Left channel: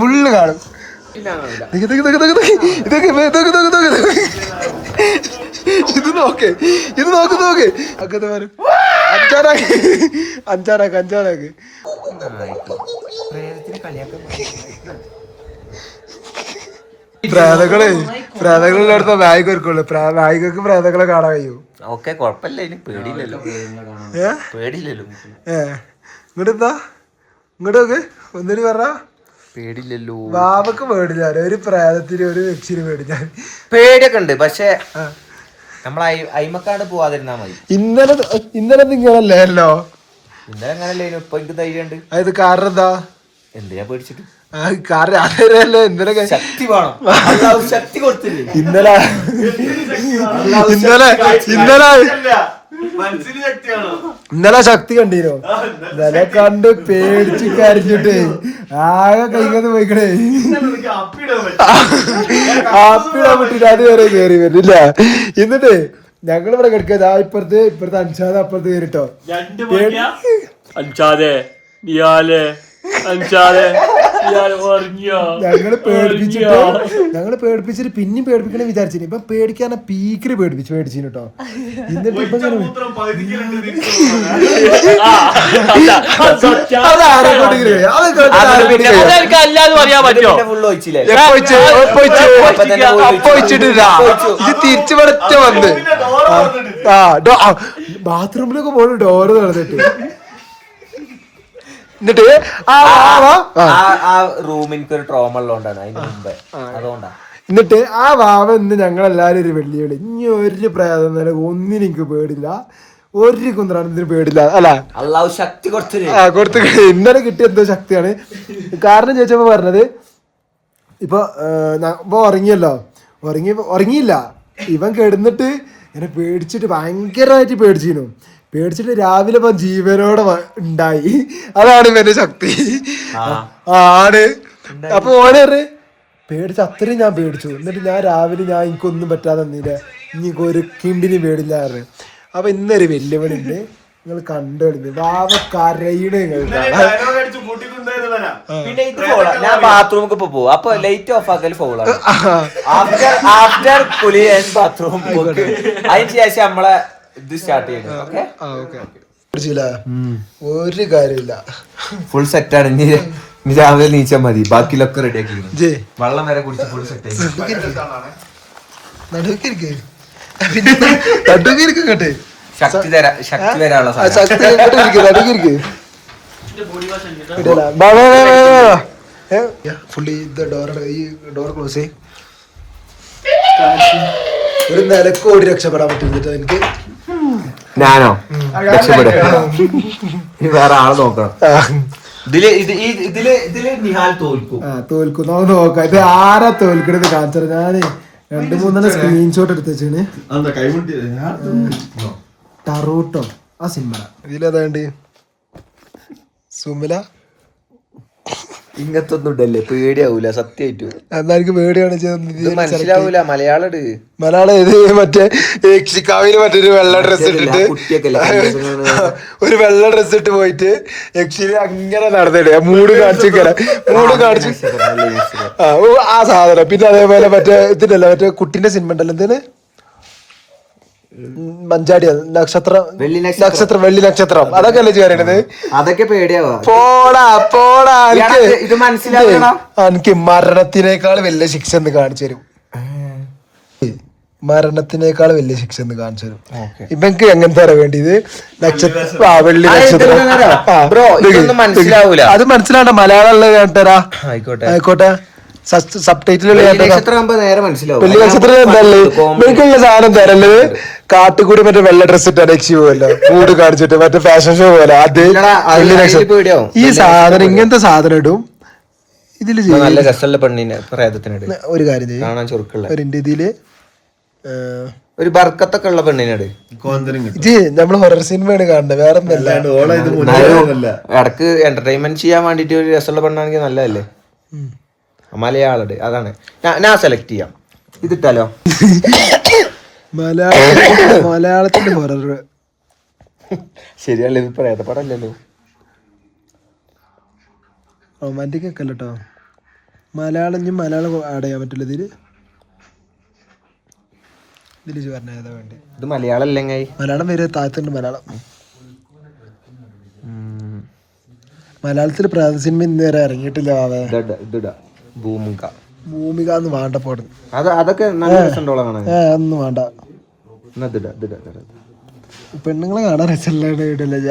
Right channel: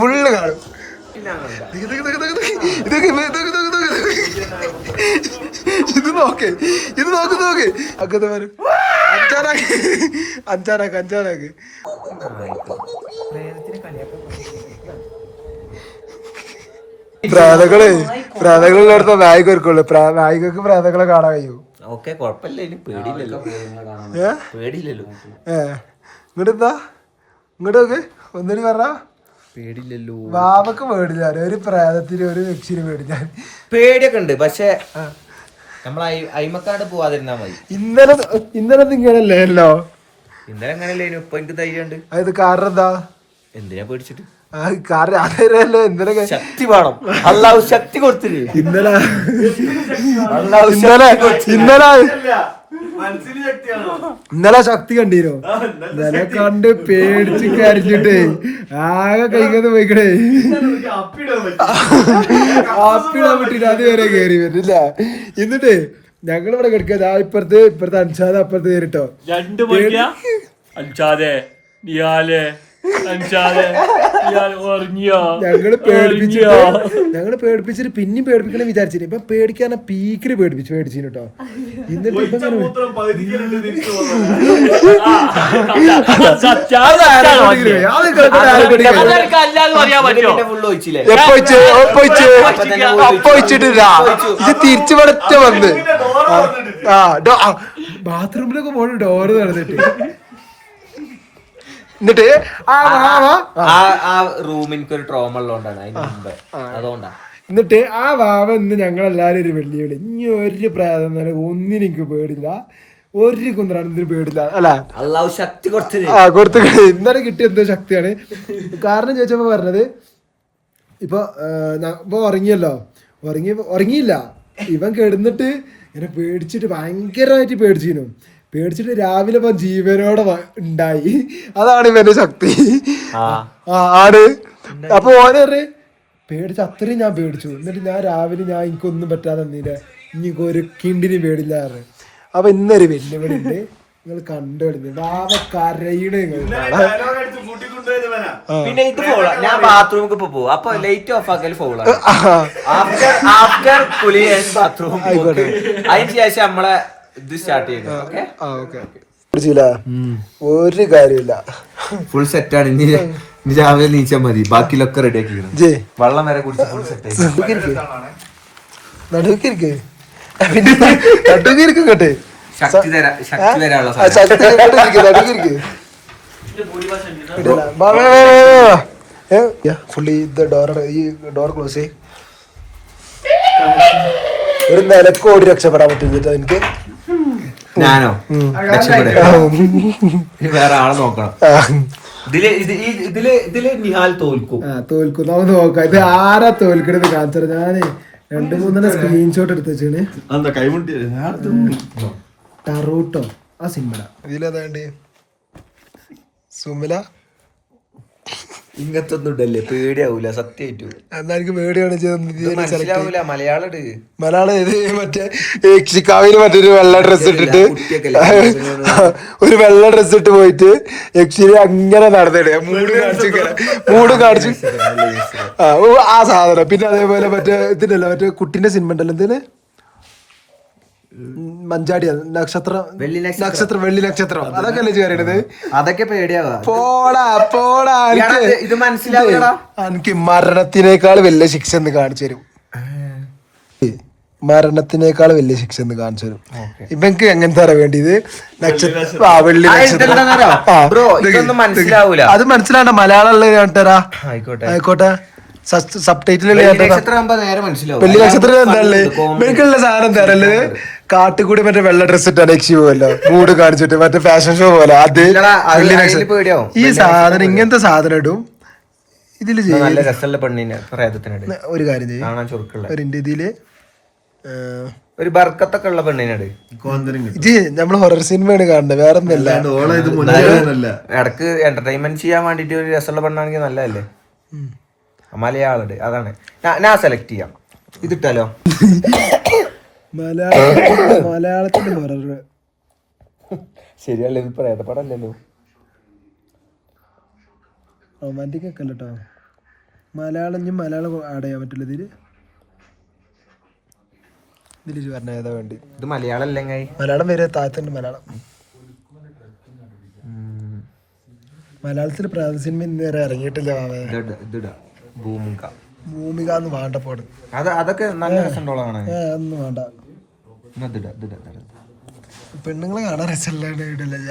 Full കാണും. ഇത് നോക്ക് അക്കത്തെ വരും. അഞ്ചാറാക്ക് പ്രാതകളുള്ളടത്ത നായിക ഒരുക്കുള്ളു. നായികക്ക് പ്രാതകളെ കാണാൻ കഴിയൂ. ഓക്കെ കൊഴപ്പല്ല, പേടിയില്ലല്ലോ. ഇങ്ങോട്ടെന്താ ഇങ്ങോട്ടൊക്കെ ഒന്നിന് പറഞ്ഞ പേടില്ലല്ലോ. ബാബക്ക് പേടില്ല, ഒരു പ്രേതത്തിന് ഒരു വ്യക്തിന് പേടില്ല. പേടിയൊക്കെ ഉണ്ട്, പക്ഷെ നമ്മൾ അയിമക്കാണ്ട് പോവാതിരുന്നാ മതി. ഇന്നലെ ഇങ്ങനല്ലേല്ലോ. ഇന്നലെ അങ്ങനല്ലേ, ഇപ്പൊ എനിക്ക് ധൈര്യമുണ്ട്. അത് കാരണം എന്താ? എന്തിനാ പേടിച്ചിട്ട്? കാരണം ഇന്നലെ ശക്തി വേണം, അല്ലാഹു ശക്തി കൊടുത്തില്ലേ. ഇന്നലെ ശക്തി കണ്ടീനോ? ഇന്നലെ കണ്ട് പേടിച്ച് കരഞ്ഞിട്ടേ ആകെ കൈകന്ന് പോയിക്കണേ. ആപ്പിടാൻ പറ്റില്ല, അതുവരെ കേറി വരുന്നില്ല. എന്നിട്ട് ഞങ്ങൾ ഇവിടെ കിടക്കുക. ഇപ്പുറത്തെ അൻഷാദ് അപ്പുറത്ത് കയറിട്ടോ. ഞങ്ങള് പേടിപ്പിച്ചിട്ട് പിന്നെയും പേടിപ്പിക്കണം വിചാരിച്ചു. ഇപ്പൊ പേടിക്കാൻ പീക്കില് പേടിപ്പിച്ചു കേട്ടോ. എന്നിട്ട് ഇപ്പൊ ഇത് തിരിച്ചു പടച്ച വന്ന് ബാത്റൂമിലൊക്കെ പോണു ഡോറ് നടന്നിട്ട്. എന്നിട്ട് റൂമിനൊരു ട്രോമ ഉള്ളതുകൊണ്ടാണ്, അതിന് മുമ്പേ അതുകൊണ്ടാ. എന്നിട്ട് ആ വാവ ഇന്ന് ഞങ്ങളെല്ലാരും ഒരു വെല്ലുവിളി. ഇനി ഒരു പ്രേതം തന്നെ ഒന്നിനും എനിക്ക് പേടില്ല, ഒരു കുന്ത്രാണത്തിന് പേടില്ല. അല്ല അല്ലാഹു ശക്തി കൊടുത്തു. ഇന്നലെ കിട്ടിയ എന്തോ ശക്തിയാണ്. കാരണം ചോദിച്ചപ്പോ പറഞ്ഞത് ഇപ്പൊ ഉറങ്ങിയില്ല. ഇവൻ കിടന്നിട്ട് ഇങ്ങനെ പേടിച്ചിട്ട് ഭയങ്കരമായിട്ട് പേടിച്ചിട്ട് രാവിലെ ഇപ്പൊ ജീവനോടെ ഉണ്ടായി. അതാണ് ഇവന്റെ ശക്തി. ആണ്. അപ്പൊ ഓനെ പേടിച്ച് അത്രയും ഞാൻ പേടിച്ചു. എന്നിട്ട് ഞാൻ രാവിലെ എനിക്കൊന്നും പറ്റാതെ നിന്നില്ല, ഇനി ഒരു കിണ്ടിനും പേടില്ല. അപ്പൊ ഇന്നൊരു വെല്ലുവിളി ഉണ്ട്, നിങ്ങൾ കണ്ടുകളിഞ്ഞു. വാവ കരയണ്. പിന്നെ ഇത് ഞാൻ ബാത്റൂമിൽ പോകും, അപ്പൊ ലൈറ്റ് ഓഫ് ആക്കൽ ഫോളാണ്. ആഫ്റ്റർ കുളി ബാത്റൂം, അതിന് ശേഷം നമ്മളെ ഇത് സ്റ്റാർട്ട് ചെയ്യുന്നത്. ഒരു കാര്യമില്ല, ഫുൾ സെറ്റാണ്. ഇനി രാവിലെ നീച്ചാൽ മതി, ബാക്കിലൊക്കെ റെഡി ആക്കി. വെള്ളം വരെ കുടിച്ച് കേട്ടെ. ശക്തി തരാനുള്ള ഫുള്ളി ഈ ഡോർ ക്ലോസ്. ഒരു നിലക്കോടി രക്ഷപ്പെടാൻ പറ്റുന്നിട്ട് എനിക്ക്. ഞാനോ രക്ഷപ്പെടാ? വേറെ ആളെ നോക്കണം. ഇതില് നിഹാൽ തോൽക്കും. നമുക്ക് നോക്കാം. ഇത് ആരാ തോൽക്കണത് കാണിച്ചത്. ഞാന് 2-3 സ്ക്രീൻഷോട്ട് എടുത്ത് വെച്ചാണ്. ടറൂട്ടോ ആ സിനിമ. ഇതിലേതാണ്ട് സുമില. ഇങ്ങനത്തെ ഒന്നും ഇടല്ലേ, പേടിയാവൂല സത്യമായിട്ടു. എന്നാ എനിക്ക് പേടിയാണ്. മനസ്സിലാവൂല. മലയാളം ഇത് മറ്റേ യക്ഷിക്കാവിന് മറ്റൊരു വെള്ള ഡ്രസ് ഇട്ടിട്ട് ഒരു വെള്ള ഡ്രസ് ഇട്ട് പോയിട്ട് യക്ഷിനെ അങ്ങനെ നടന്നിടേ. മൂട് കാണിച്ചു ആ സാധനം. പിന്നെ അതേപോലെ മറ്റേ ഇതിലല്ല, മറ്റേ കുട്ടിന്റെ സിനിമ ഉണ്ടല്ലോ, എന്തിന് മഞ്ചാടിയ നക്ഷത്രം വെള്ളി നക്ഷത്രം. അതൊക്കെ അല്ലേ ചെയ്യണത്. അതൊക്കെ പേടിയാവാ. പോടാ ഇത് മനസ്സിലാക്കണം. എനിക്ക് മരണത്തിനേക്കാൾ വലിയ ശിക്ഷ എന്ന് കാണിച്ചു തരും. മരണത്തിനേക്കാൾ വലിയ ശിക്ഷ എന്ന് കാണിച്ചു തരും. ഇവക്ക് എങ്ങനത്തെ വേണ്ടിയത്? വെള്ളി നക്ഷത്രം. അത് മനസ്സിലാവണ്ട. മലയാളം ഞാൻ തരാ. ആയിക്കോട്ടെ. സബ് ടൈറ്റിൽ വെള്ളി നക്ഷത്രം എന്തല്ലേ ഇവക്കുള്ള സാധനം തരല്ലത്. കാട്ടുകൂടി മറ്റേ വെള്ള ഡ്രസ് ഇട്ടാണ് യക്ഷി പോവല്ലോ, മൂഡ് കാണിച്ചിട്ട് മറ്റേ ഫാഷൻ ഷോ പോലെ. അത് വെള്ളി നക്ഷത്രം. ഈ സാധനം ഇങ്ങനത്തെ സാധനം ഇടും ഇതില്. ഒരു കാര്യം ചെയ്യും, ഇതില് ഒരു ബർക്കത്തൊക്കെ ഉള്ള പെണ്ണിനാണ് നമ്മള് ഹൊറർ സിനിമയാണ് കാണുന്നത്, വേറെ ഒന്നല്ല. ഇടക്ക് എന്റർടൈൻമെന്റ് ചെയ്യാൻ വേണ്ടിട്ട് ഒരു രസമുള്ള പെണ്ണാണെങ്കിൽ നല്ലതല്ലേ. മലയാളം അതാണ് ഞാൻ സെലക്ട് ചെയ്യാം. ഇതിട്ടാലോ? മലയാളത്തിന്റെ ഹൊറർ ശരിയല്ലേ, ഇത് പ്രേത പടമല്ലല്ലോ. റൊമാൻറ്റിക് ഒക്കെ അല്ല കേട്ടോ. മലയാളം ആഡ് ചെയ്യാൻ പറ്റില്ല ഇതില്. പറഞ്ഞ ഏതാ വേണ്ടി? ഇത് മലയാളം അല്ലെങ്കിൽ മലയാളം വരെ താഴത്തുണ്ട്. മലയാളത്തിൽ പ്രേത സിനിമ ഇന്ന് വരെ ഇറങ്ങിയിട്ടില്ല. ഭൂമിക എന്ന് വേണ്ട പോട്. അതൊക്കെ നല്ല രസമുണ്ടോളാണ്. ഒന്നും വേണ്ട. പെണ്ണുങ്ങളെ കാണാൻ രസമില്ല.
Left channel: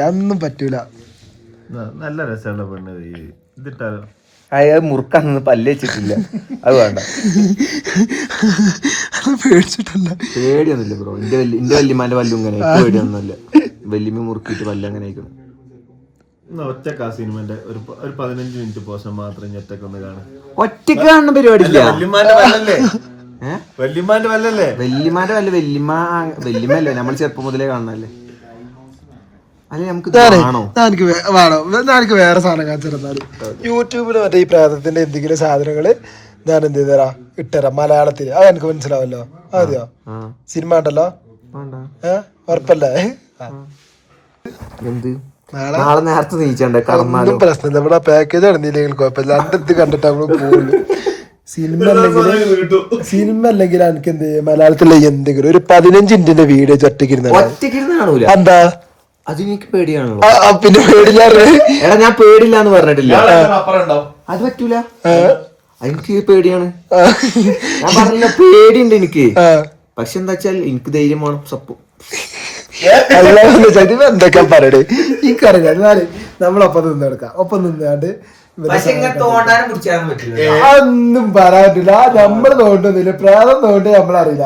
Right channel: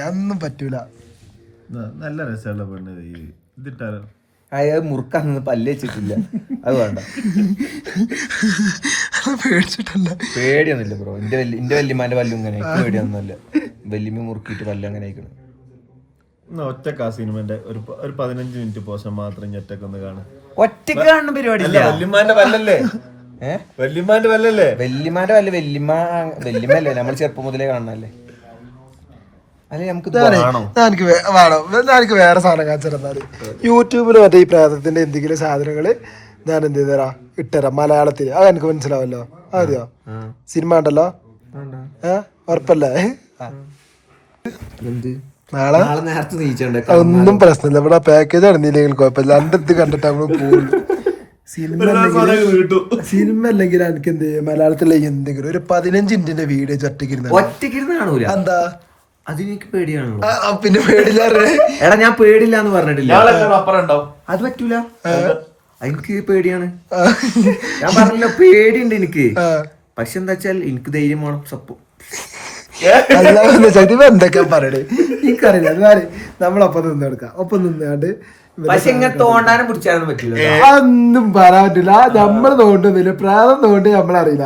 അതൊന്നും പറ്റൂല. നല്ല രസമുള്ള പെണ്ണ് ഇതിട്ടാലോ. അയാൾ മുറുക്കാന്ന് പല്ല് വെച്ചിട്ടില്ല. അത് വേണ്ട. പേടിച്ചിട്ടല്ല. പേടിയൊന്നുമില്ല ബ്രോ. എന്റെ വല്യമാന്റെ പല്ലും ഇങ്ങനെ പേടിയൊന്നുമില്ല. വല്യമ്മ മുറുക്കിയിട്ട് പല്ല് അങ്ങനെ ആയിക്കണം. ഒറ്റക്ക് ആ സിനിമന്റെ ഒരു 15 മിനിറ്റ് പോഷൻ മാത്രം ഒറ്റക്കൊന്ന് കാണും. ഒറ്റക്ക് കാണുന്ന പരിപാടി. വല്യമാന്റെ വല്ലല്ലേ? വല്യമാന്റെ വല്ലല്ലേ? വല്യമാന്റെ വല്ല വല്യമ്മല്ലേ? നമ്മൾ ചെറുപ്പം മുതലേ കാണണല്ലേ? അല്ലെ നമുക്ക് എനിക്ക് വേറെ സാധനം കാണിച്ചിരുന്നാല് യൂട്യൂബിൽ മറ്റേ ഈ പ്രേതത്തിന്റെ എന്തെങ്കിലും സാധനങ്ങള് ഞാൻ എന്ത് ചെയ്തരാ ഇട്ടരാം മലയാളത്തില്. അത് എനിക്ക് മനസ്സിലാവല്ലോ. അതെയോ സിനിമ ഉണ്ടല്ലോ. ഉറപ്പല്ലേ? നാളെ നേരത്തെ നീച്ചണ്ടേ? ഒന്നും പ്രശ്നമില്ല. ഇവിടെ പാക്കേജ് നടന്നില്ലെങ്കിൽ കുഴപ്പമില്ല. എന്റെ ഇത് കണ്ടിട്ട് നമ്മള് പോകുള്ളൂ. സിനിമ അല്ലെങ്കിൽ എനിക്ക് എന്ത് ചെയ്യും, മലയാളത്തിലെ എന്തെങ്കിലും ഒരു 15 മിനിറ്റിന്റെ വീഡിയോ ഒറ്റയ്ക്കിരുന്ന കാണൂല. എന്താ അത് എനിക്ക് പേടിയാണല്ലോ. പിന്നെ പേടില്ലാറ്. എടാ ഞാൻ പേടില്ല എന്ന് പറഞ്ഞിട്ടില്ല. അത് പറ്റൂല. എനിക്ക് പേടിയാണ്. ഞാൻ പറഞ്ഞില്ല പേടിയുണ്ട് എനിക്ക്. പക്ഷെ എന്താ വെച്ചാൽ എനിക്ക് ധൈര്യം വേണം. സപ്പോ എന്തൊക്കെ പറയണേ ഈ കറിയാൽ നമ്മളൊപ്പം നിന്നെടുക്കാം. ഒപ്പം നിന്നാണ്ട് അതൊന്നും പറയാൻ പറ്റില്ല. നമ്മള് തോണ്ടുന്നില്ല. പ്രേതം തോണ്ടി നമ്മളറിയില്ല.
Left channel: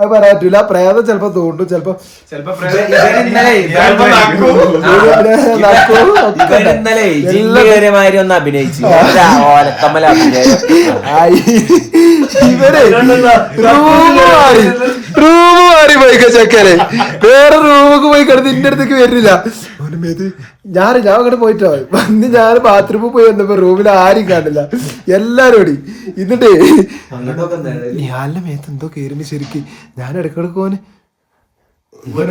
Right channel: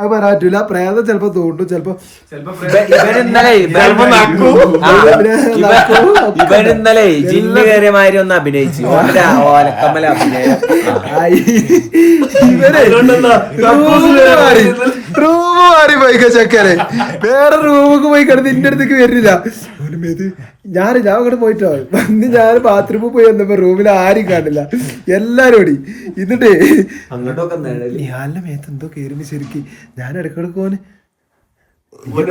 അത് പറയാൻ പറ്റൂല. പ്രേതം ചെലപ്പോ തോണ്ടും. ചിലപ്പോ ഇന്നലെ ജിന്ന് കയറിയ മാതിരി ഒന്ന് അഭിനയിച്ചു. ഓലക്കമ്മല അഭിനയം. ഇവരെ റൂമ് മാറി പോയിക്ക ചെക്കനെ. വേറെ റൂമൊക്കെ പോയി കിടന്ന് ഇന്റെ അടുത്തേക്ക് വരുന്നില്ല. ഞാൻ അങ്ങോട്ട് പോയിട്ടോ വന്ന് ഞാൻ ബാത്റൂമിൽ പോയി വന്നപ്പോ റൂമിൽ ആരും കാണില്ല. എല്ലാരും ഓടി. എന്നിട്ടേ ഇയാളുടെ മേത്ത് എന്തോ കേറിന് ശരിക്ക്. ഞാൻ ഇടക്കിടക്ക് പോന്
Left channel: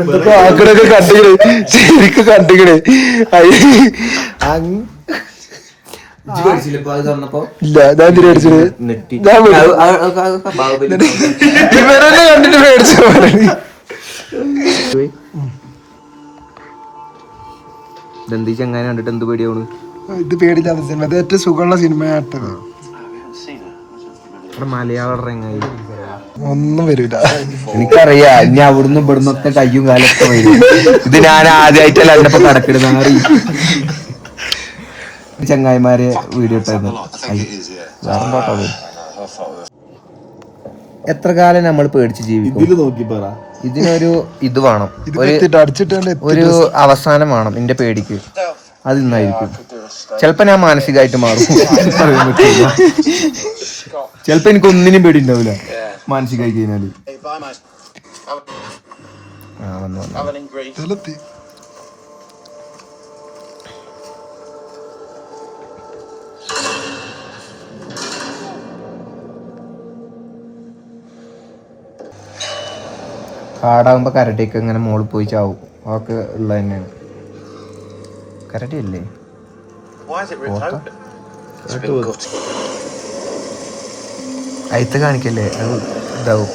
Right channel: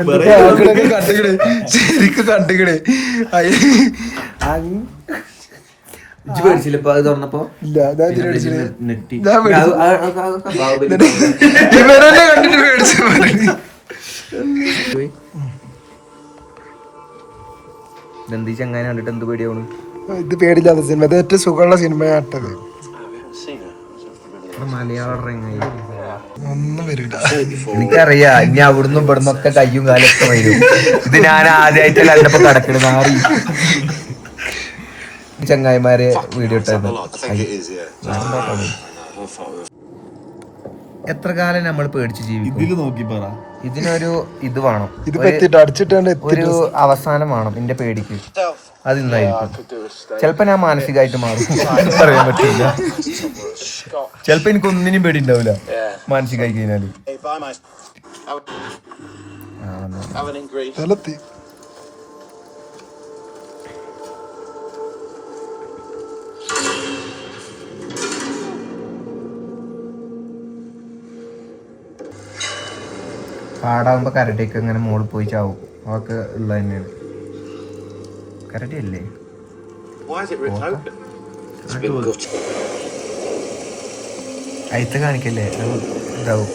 എന്തൊക്കെ ആക്കണൊക്കെ കണ്ടിക്കണേ. ശരിക്കും കണ്ടിക്കണേ. ഇല്ല ഞാൻ പേടിച്ചത്. ഇവരെന്നെ കണ്ടിട്ട് പേടിച്ച. ചെങ്ങനെ കണ്ടിട്ട് എന്ത് പേടിയാണ്? ഇത് പേടില്ലാത്ത സിനിമ. അത് ഏറ്റവും സുഖമുള്ള സിനിമയാട്ടത്. മലയാളം ഒന്നും വരൂല. എനിക്കറിയാം. ഇനി അവിടുന്ന് ഇവിടുന്നൊക്കെ കയ്യും കാലൊക്കെ വരും. ഇത് ഞാൻ ആദ്യമായിട്ടല്ല എന്നെ കടക്കിടുന്ന മാറി ചങ്ങായിമാരെ വീഡിയോ ഇട്ടായിരുന്നു. എത്ര കാലം നമ്മൾ പേടിച്ച് ജീവിക്കും? ഇതിനൊരു ഇത് വേണം, ഒരു അവസാനം വേണം. എന്റെ പേടിക്ക് അത് ഇന്നായിരിക്കും. ചിലപ്പോ ഞാൻ മാനസികമായിട്ട് മാറും. പറയാൻ പറ്റില്ല. ചിലപ്പോ എനിക്ക് ഒന്നിനും പേടി ഉണ്ടാവില്ല മാനസികമായി കഴിഞ്ഞാല്. കാടാകുമ്പോ കരടിയൊക്കെ ഇങ്ങനെ മുകളിൽ പോയി ചാവും. അതൊക്കെ ഉള്ള തന്നെയാണ്. കരടി അല്ലേ? അയത്ത് കാണിക്കല്ലേ? ഇതാവും.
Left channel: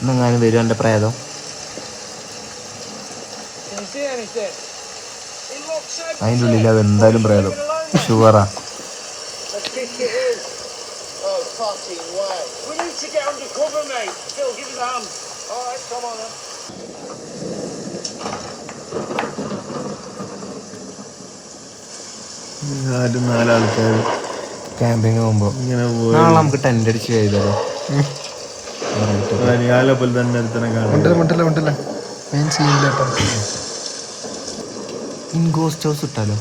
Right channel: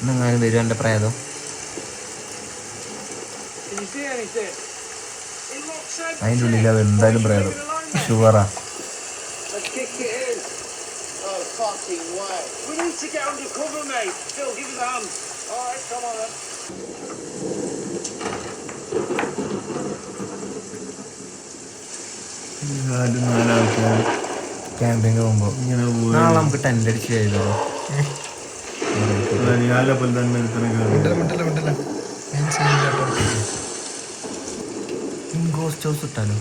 ഇന്നെങ്ങാനും വരും എൻ്റെ പ്രേതം. അതിൻ്റെ ഉള്ളിൽ അത് എന്തായാലും പ്രേതം ഷുവറാ. ക്യാമ്പിങ് പോകുമ്പോ നമുക്ക് ടെന്റ് അടിച്ച് ചെയ്തോ. ഗോസ്റ്റ് ഹൗസ് ഇട്ടാലോ?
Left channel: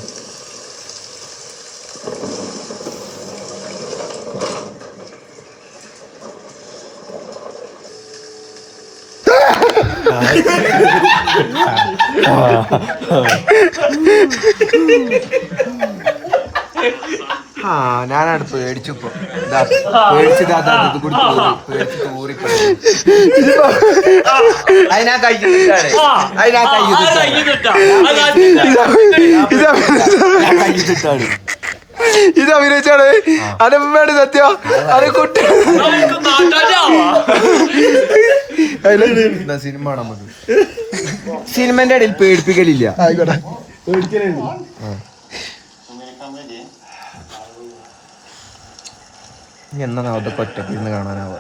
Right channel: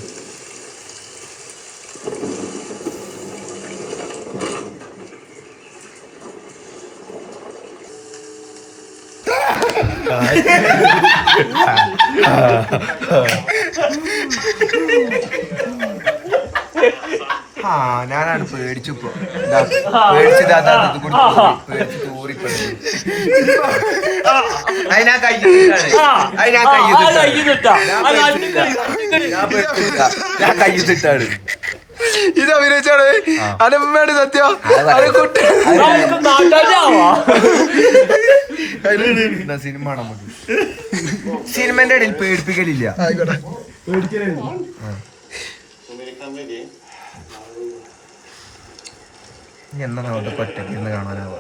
ആ ഞാനാണ് പേടിച്ചപ്പോ പേടിച്ചത് അത് കൂടി പേടിച്ച് തൂറിപ്പോയി. അതിനാ ഞാൻ കയ്യിട്ടാണ് ഇത് അഭിനയിച്ചാണ് അനമ്മയുടെ സത്യം അത് കുട്ടി സിനിമ നമുക്ക് സിനിമന്റെ ഇടയിൽ പേടിപ്പിക്കലില്ല. ആയിക്കോട്ടെ. എന്നാ അതൊക്കെ ഒറ്റയ്ക്ക് ഇരുന്ന് കാണാനാവുക.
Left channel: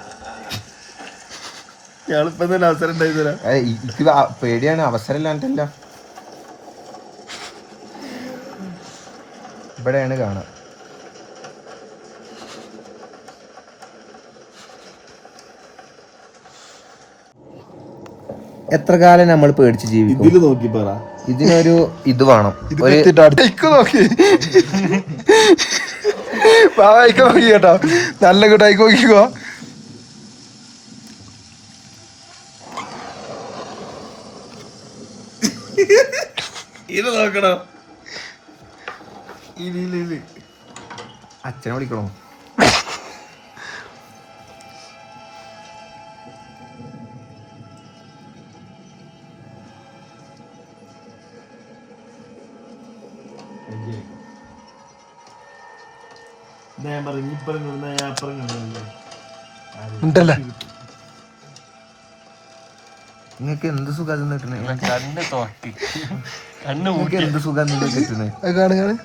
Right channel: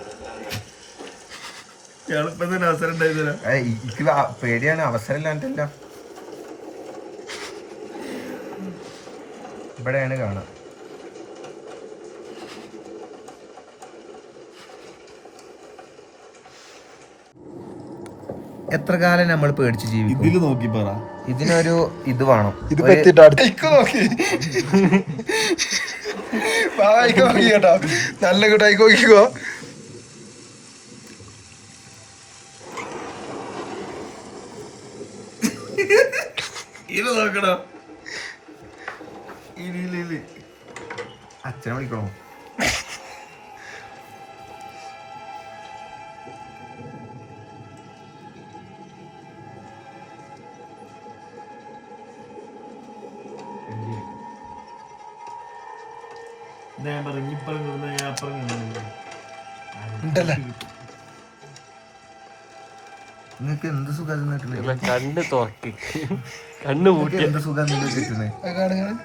അവസരം ഉണ്ടായി തരാം. എനിക്ക് പേടിയാണ്, അവസരം ഇല്ലാണ്ടല്ല. ഇവിടെയാണ് കാണാം. എത്ര കാലം നമ്മൾ പേടിച്ച് ജീവിക്കും? ഇതില് നോക്കി പറ. ഇതിനൊരു ഇത് വേണം. ഇത് പറ്റിട്ട് നോക്കി നോക്കി കേട്ടോ, നല്ല കൂട്ടായി നോക്കിക്കോ. ഇത് നോക്കണോ? അച്ഛനെ വിളിക്കണോ? ഞാൻ പറഞ്ഞു ഇപ്പുറം ഞാൻ അപ്പുറം കണ്ടു. ഉണ്ടല്ലേ നിങ്ങൾക്ക് എന്ത് സുഖം കിട്ടുന്നത്? കണ്ണ് തോട്ടി നിങ്ങൾക്ക് എന്ത് സുഖം കിട്ടുന്നത്? കാണു കാണു.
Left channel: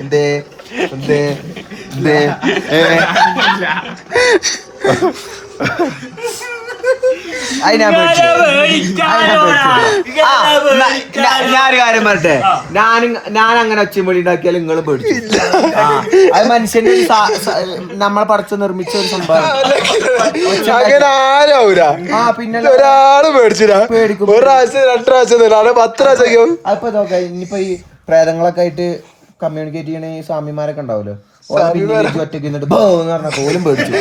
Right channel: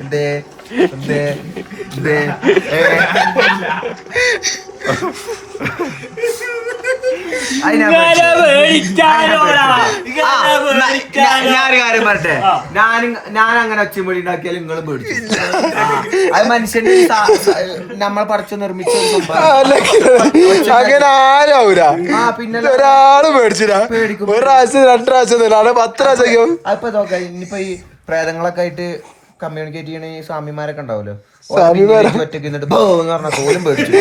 എന്തേ എന്തേ എന്തേ ഞാനൊരു കാര്യം പറട്ടെ, ഞാൻ അങ്ങനെ ഒച്ചമൊഴി ഉണ്ടാക്കിയാലും നിങ്ങൾ പേടിച്ചു. അത് മനുഷ്യന്റെ നമ്മളെ പടച്ചു നിർമ്മിച്ച ഒരു സംഭവം. അങ്ങനെ ആരാവൂല. പിന്നെ ഒരാള് പേടിച്ചില്ല. പേടിക്കും. ഒരു പ്രാവശ്യം 2 പ്രാവശ്യം 10 പ്രാവശ്യം. അപ്പൊ നോക്കാം, ഇനിയിപ്പോ ഈ പ്രേതങ്ങളൊക്കെ ആയിട്ട് കമ്മ്യൂണിക്കേറ്റ് ചെയ്യണ ഈ സ്വാമിമാരൊക്കെ ഉണ്ടാവല്ലോ, ഒറ്റയ്ക്ക് നിന്നിട്ട് എന്ന് പറഞ്ഞ പോലും പേടിച്ചു.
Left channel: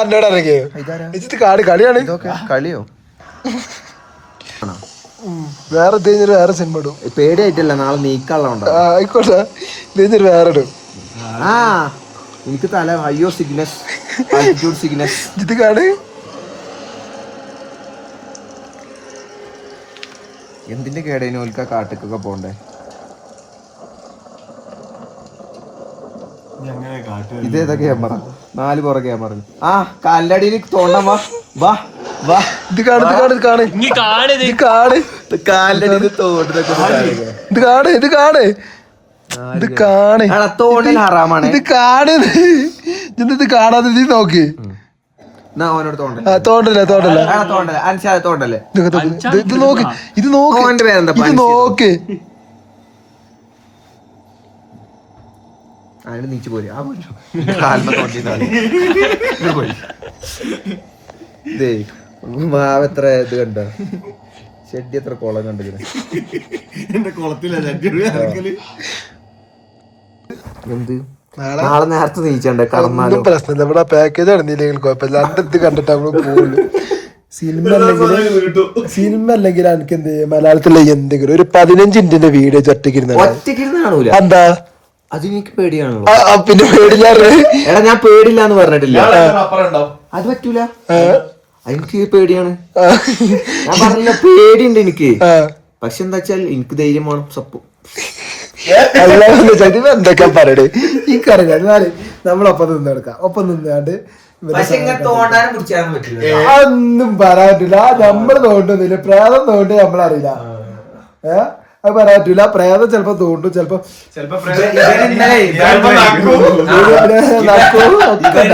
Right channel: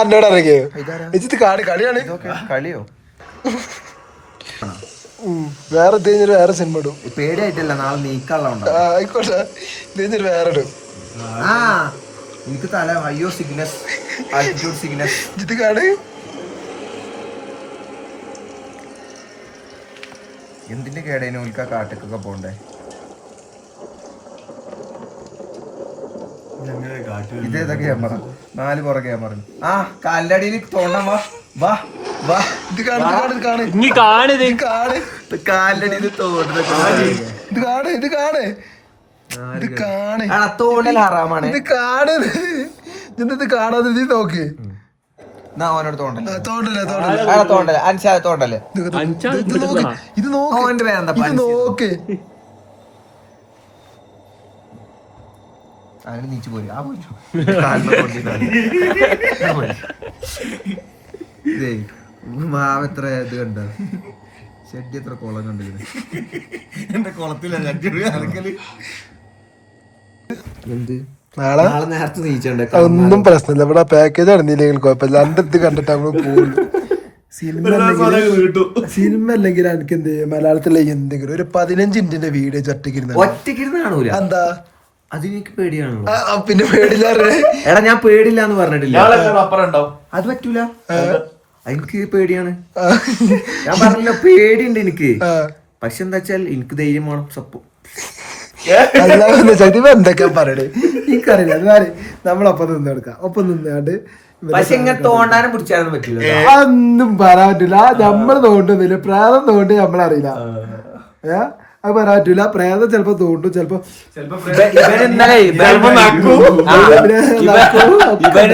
എന്നോട് ഇറങ്ങിയോ ഇത് കളിയാണ്. ഇതൊക്കെ കളിയോ? വേറെ ഇത് വേറെ സിനിമ ഇടും. പേടിയായിട്ടില്ല, നാളെ നീക്കാനുള്ള. ആയിക്കോട്ടെ, ഇത് വേറെ ഇടും. ആ എനിക്ക് തല അയ്യോ സിഗ്നസ്, ആൾട്ടിറ്റ്യൂഡ് സിഗ്നസ്. ഇത് കാണേ എന്തിന്റെ കേടേനു ഓൽക്ക കാട്ടിക്കൊക്കെ പോണ്ടേ? ഇതേതാ ക്യാമറ? 4 പുറ ക്യാമറ. ആ കാലിന്റെ അടിയിൽ തോണ്ടാൻ വാ വാ വാ. ഇത് കാണിത് കാലിന്റെ അടിയിൽ തോണ്ടൊക്കെ ഇത് കാണ് ഇത് കാണ് ഇത് കാണ് തോണ്ടൽ ഹറാമാണ്. ഇത് കാണ് ഇത് കാണാതെ ഇത് നോക്ക്. ഓനോട് തോണ്ടല്ലേ തോണ്ടല്ലേ തോണ്ടല്ലേ തോണ്ടല്ലേ അൻഷാദ് തോണ്ടല്ലേ. ഇത് നോക്ക് ഇത് നോക്ക് ഓന്റെ പേരെന്താ? ഇത് നോക്ക്. അതിന് നീച്ചു പോര്. ഇതേ മാവെത്ര ഇത് കണ്ട, ഷെഡി എത്ര കുളം കണ്ടിരുന്നു. എന്റെ കുളത്തിലല്ല എന്ത് നാളെ നാളെ നേരത്തെ നീച്ചണ്ടേ? ഒന്നും പ്രശ്നമില്ല, ഇവിടെ പാക്കേജ് നടന്നില്ലെങ്കിൽ കുഴപ്പമില്ല. എന്റെ ഇത് കണ്ടിട്ട് നമ്മള് പോകുള്ളൂ. സിനിമ അല്ലെങ്കിൽ എനിക്ക് എന്ത് മലയാളത്തിലെ എന്തെങ്കിലും ഒരു 15 മിനിറ്റിന്റെ വീഡിയോ ഒറ്റയ്ക്കിരുന്ന് കാണൂല. എന്താ അത് എനിക്ക് പേടിയാണല്ലോ. പിന്നെ പേടില്ലാറ്. എടാ ഞാൻ പേടില്ല എന്ന് പറഞ്ഞിട്ടില്ല. അത് പറ്റൂല, എനിക്ക് പേടിയാണ്. ഞാൻ പറഞ്ഞില്ല പേടിയുണ്ട് എനിക്ക്. പക്ഷെ എന്താ വെച്ചാൽ എനിക്ക് ധൈര്യം വേണം. സപ്പോ എന്തൊക്കെ പറയണേ എനിക്കറിയാം. നമ്മളൊപ്പം നിന്നെടുക്കാം. ഒപ്പം നിന്നാണ്ട് പക്ഷെ ഇങ്ങനെ തോണ്ടാനും പിടിച്ചാനും പറ്റില്ല. അതൊന്നും പറയാൻ പറ്റില്ല. നമ്മള് തോണ്ടുന്നില്ല, പ്രേതം തോണ്ടി നമ്മളറിയില്ല. അത് പറയാൻ പറ്റൂല. പ്രേതം ചെലപ്പോ തോണ്ടും, ചെലപ്പോ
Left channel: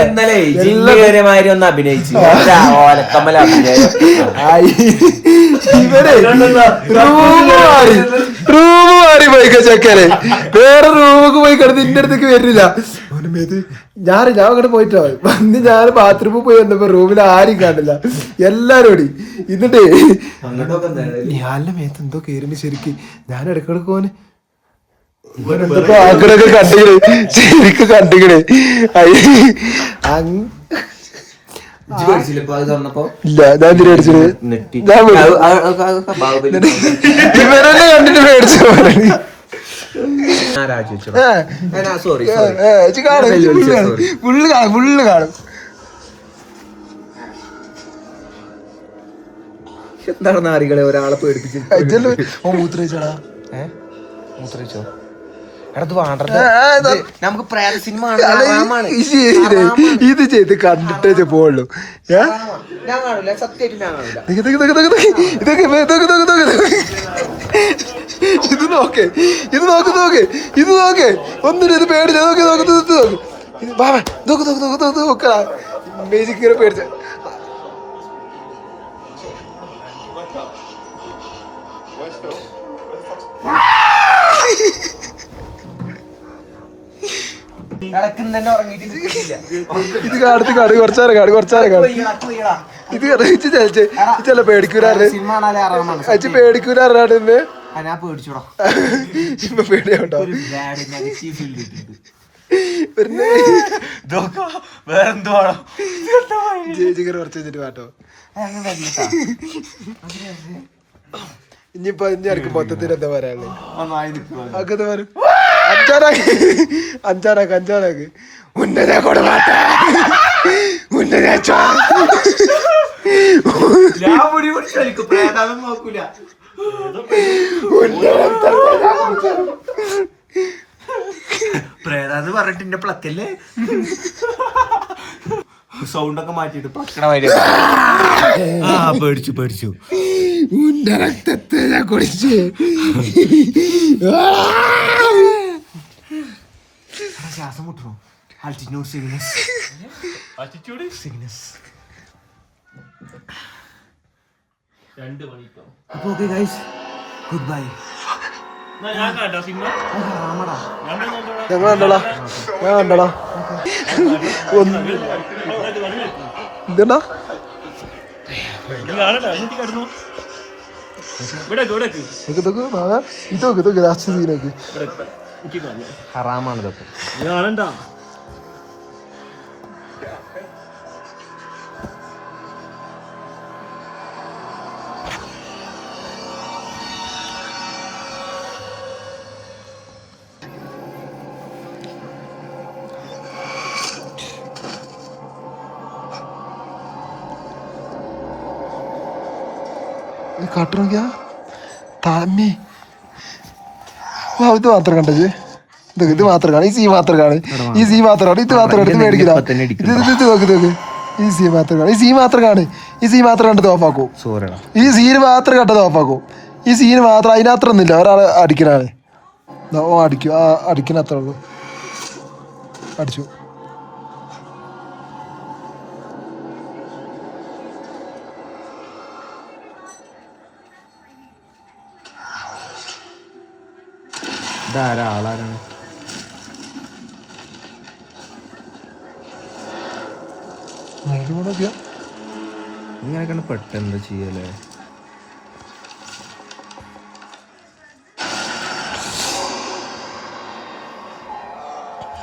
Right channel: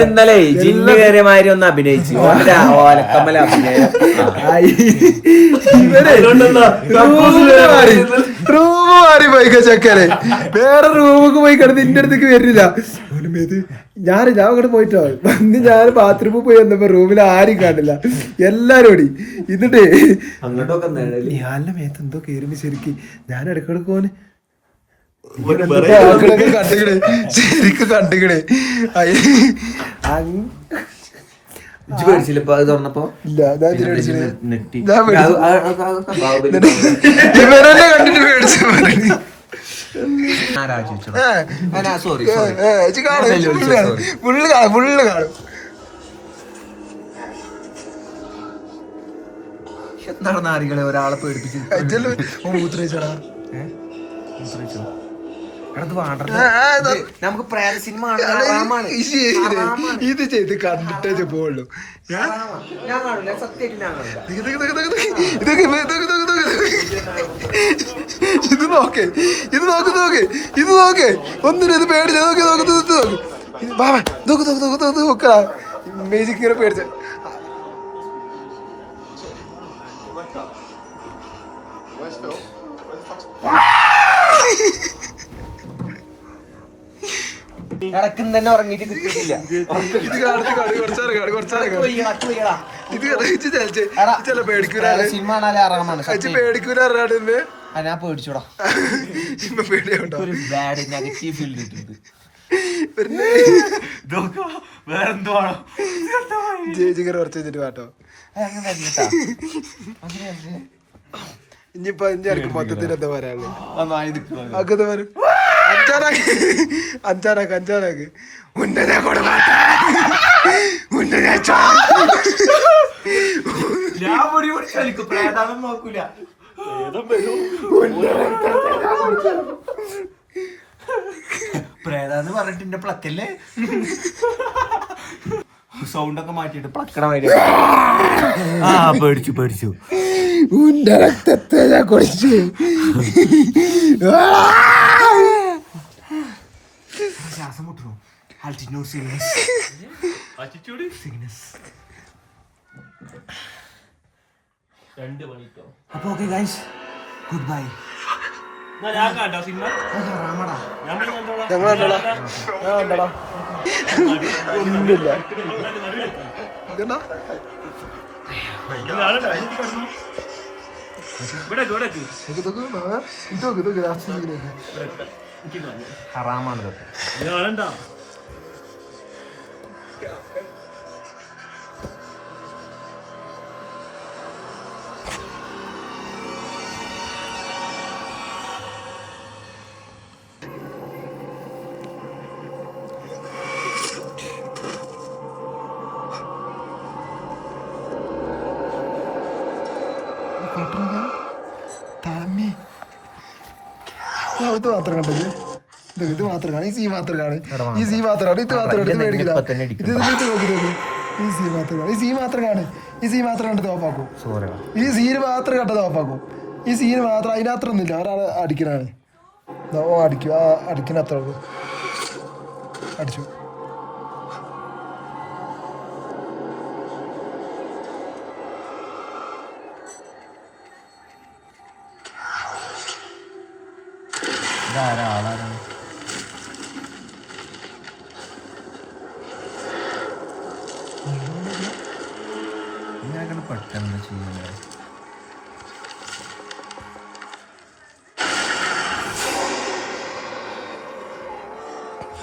ഇന്നലെ ജില്ല് കയറിയ മാതിരി ഒന്ന് അഭിനയിച്ചു. ഓലക്കമ്മല അഭിനയം. ഇവരെ റൂമ് മാറി പോയിക്ക ചെക്കനെ. വേറെ റൂമൊക്കെ പോയി കിടന്ന് ഇന്റെ അടുത്തേക്ക് വരില്ല. ഞാൻ അങ്ങോട്ട് പോയിട്ടോ വന്ന് ഞാൻ ബാത്റൂമിൽ പോയി വന്നപ്പോ റൂമിൽ ആരും കാണില്ല, എല്ലാരും ഓടി. എന്നിട്ടേ ഞാൻ്റെ മേത്ത് എന്തോ കയറിണ്ട് ശരിക്ക്. ഞാൻ ഇടക്കിടക്ക് പോന് എന്തൊക്കെ ആക്കണൊക്കെ കണ്ടിക്കണേ, ശരിക്കും കണ്ടിക്കണേ. അത് തുറന്നപ്പോ ഇല്ല, ഞാൻ എന്തിനാ പേടിച്ചത്? ഞാൻ ഇവരെന്നെ കണ്ടിട്ട് പേടിച്ച സോറി ഫുള്ള് കാണും. എന്താണ് നാറികളെ ഒരാളെ പേടിപ്പിച്ച് മൂത്രയിച്ചടാ. നമുക്ക് പ്രേത സിനിമ ഇത് ചെയ്ത് കണ്ടിട്ടേ പോവുള്ളൂ. ഇത് നോക്ക്, ഇത് നോക്ക് ഒന്നിനും ഇത് പേടിച്ച നോക്ക് ഇമേജ് പേടിച്ച. ഇടക്കും തന്നെ ഉറങ്ങിയിട്ട് ഇത് കാണും കുറച്ചേരം കാണും. ഇത് ചില പേടിക്കൂരാണ് സിനിമ കാണാൻ ആറാമാണ് പേടിക്കൂരാണ്. ഞാൻ പേടിച്ചോടാ, പേടിയാവട്ടോ. ബാഡ് നെഗറ്റീവ് ഫീൽഡ് ഇട്ടിട്ടുണ്ട്. കുറച്ച് വെച്ചിട്ട് പാട്ടോ. ഇനിയിപ്പോ ഇറക്കും മൊത്തത്തിൽ എന്താ പറയാനുള്ളത്? അഞ്ചാനാക്ക് ഉന്നത കൊടുമാട്ട പ്രേതാന്ന് പറഞ്ഞിട്ട് എന്റെ പ്ലക്കല്ലേ സൗണ്ട് ഒക്കെ മാറ്റിട്ട് പേടിച്ചു ഉന്റെ രക്തത്തെ ഞാൻ കുടിച്ചു. ശ്വാസം മുട്ടുമോ? Altitude sickness. അപ്പൊ ഓക്കെ ഗൈസ്, ഗുഡ് ബൈ. ഞങ്ങൾ കണ്ടോളാം ഒന്നുമില്ല. ഇതെന്നാ ഇതൊക്കെ രാഷ്ട്രീയക്ക് ഹറാമാണ് ഇതൊക്കെ. കാട്ടുറങ്ങിയ താമേ ഇത് മാത്രം കണ്ടത്. ഇത് മാത്രം കാണും. ഈ സീ മാത്രം കാണും. ഈ സീ മാത്രം കാണും. ഇത് മാത്രം എടുത്ത് മേടിക്കില്ല. ഇത് നോക്ക്. ഈ സീ മാത്രം കാണും. ഈ സീ മാത്രം കാണും. ഈ സീ മാത്രം കണ്ടത് ഓഫാക്കും. ഈ സീന് മാത്രം കണ്ടത് ഓഫാക്കും. ഈ സീന് മാത്രം അതിനത്ര ഒന്നുമില്ല. ഒരാൾ അടിക്കണാണ്. ഓ അടിക്കും. ആ അടിക്കണ അത്ര ഉള്ളൂ. അടിച്ചു. ഇതാരാളാണ്? ഇങ്ങനെ പെട്ടെന്ന് ചെയ്യല്ലേ?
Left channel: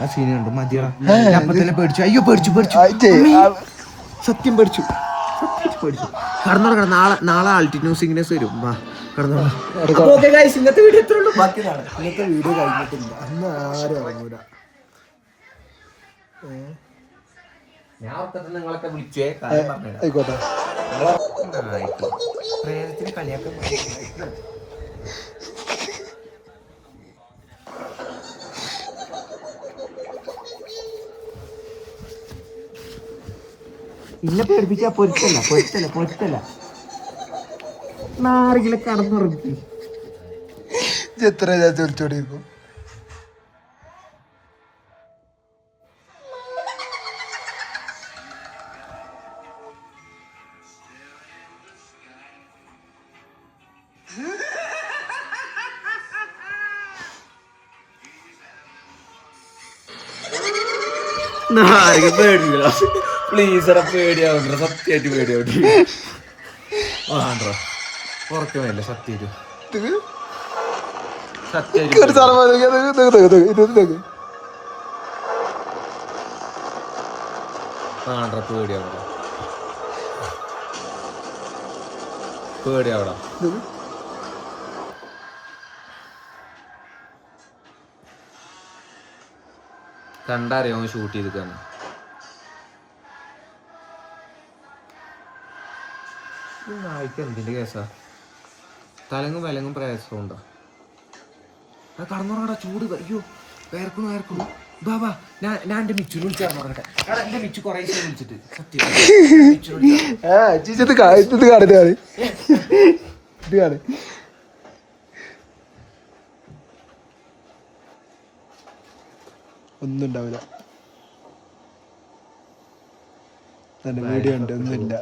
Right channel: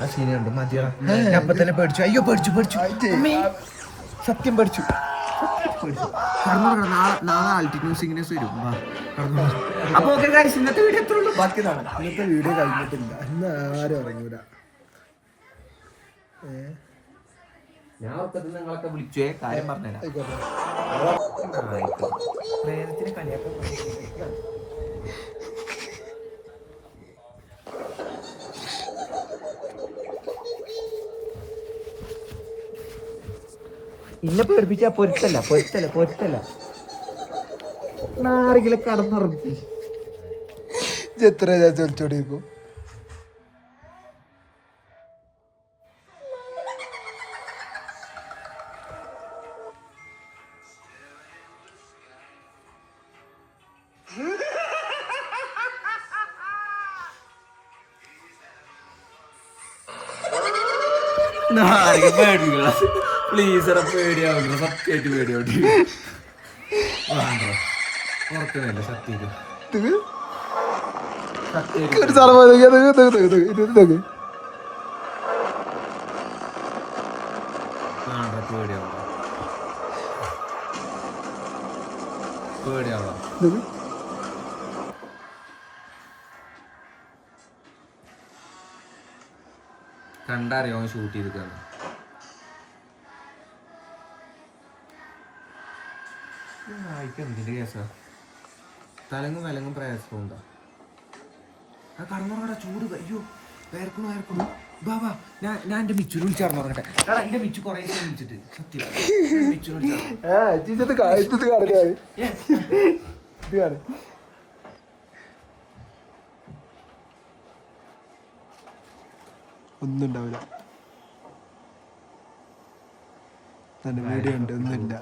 ആ സീനുണ്ട്. മതിയാ, അപ്പൊ തന്നെ പേടിച്ചു. അയ്യോ പേടിച്ചു സത്യം പേടിച്ചു. നാളെ ആൾട്ടിറ്റ്യൂഡ് സിഗ്നസ് വരും. ഇന്നത്തെ വീഡിയോ എത്ര ഉള്ളൂ? ഇന്നത്തെ വീഡിയോ കഴിഞ്ഞിട്ടില്ല. ഇന്ന് ആരും ഇറങ്ങൂല. ഞാൻ നിങ്ങളൊക്കെ വിളിച്ചേ കാര്യം പറഞ്ഞുതരാം. ആയിക്കോട്ടെ. ഇന്നെ പേടിപ്പിച്ചാ പൊരുത്തല്ല നാറികളെ കടന്നുറങ്ങി. എത്ര ചോദിച്ചോടിക്കും. പേടിക്കല പ്ലീസ്. പേടിയാവണ്ട, സത്യമായിട്ട് പേടിയാവട്ടെ. ഉറക്കമല്ലേ സത്യം. ഒരു സ്ഥലം മതി. ഇത് കണ്ടറിയോ ഷൂട്ട് ചെയ്തിക്കാണ്. എന്തിന്റെ കേസാ? തലങ്ങും വിലങ്ങും പ്രയാസം ഉണ്ടോ? അത് കടന്നുറങ്ങടാ, ചൂട്. അയ്യോ വേർക്കണു. ബാബാ ഞാൻ എന്റെ മിച്ചുനെ വിളിച്ചിറങ്ങട്ടെ. എന്റെ മിച്ചു കൊറേ വിളിച്ചിട്ട് സത്യം ഇത് കാണുന്നത് ഇത് കാണും. ഒന്നും ഉണ്ടാവില്ല. നല്ല വീഡിയോ ഉണ്ട്, ഒന്നുമില്ല.